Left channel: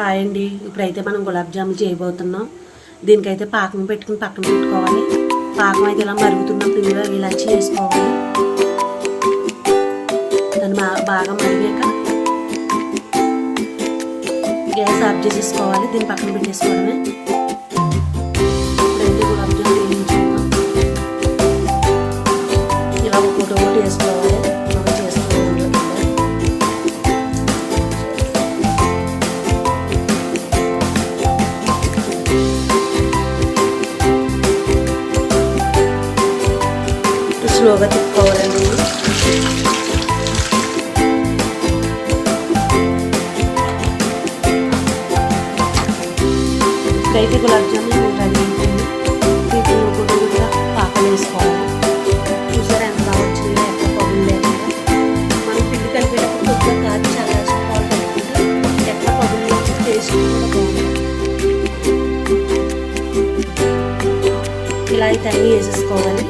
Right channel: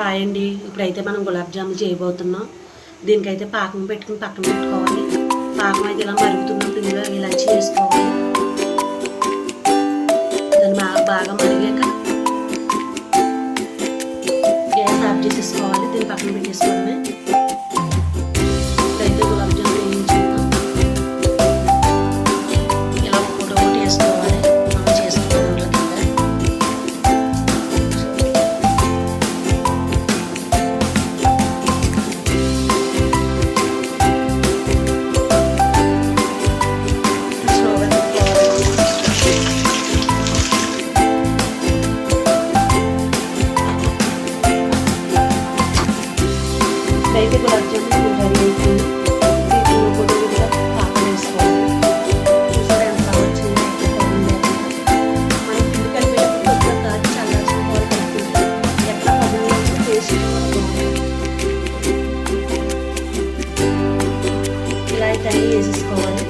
Hi అండి. ఇప్పుడైతే మనం గులాబ్ జామున్ చేయబోతున్నాం. దీనికైతే పాకం పెట్టుకుని పక్కన పెట్టుకోవాలి. పాకం అయితే ఇలా మరుగుతున్న పిండిలో ఇలాచి వేసుకోవాలి. దాన్ని బాగా మరిగాక గ్యాస్ ఆఫ్ చేసేసుకోవాలి. దీన్ని పక్కన పెట్టేసుకోవడమే. ఇప్పుడైతే గులాబ్ జామున్ వేయించాము. ఇలా ఒకటి వేసుకోవాలి. మనం చేసుకోవాలి. స్లోగా తిప్పుకోవాలండి. ఇప్పుడైతే గులాబ్ జామున్ రెడీ అవుతుంది. దీంట్లో కొద్దిగా పాకం వేసుకోవాలి. చూసారా ఎంత బాగా వచ్చిందో, ఎంత బాగుంది. మనం పిండి కలిపేటప్పుడు కొద్దిగా కాచి చల్లార్చుకోవాలి. కలుపుకుంటే ఎక్కడ పగుల్లో టేస్ట్ ఇలా అయితే అన్నీ వేసేసుకోవాలి.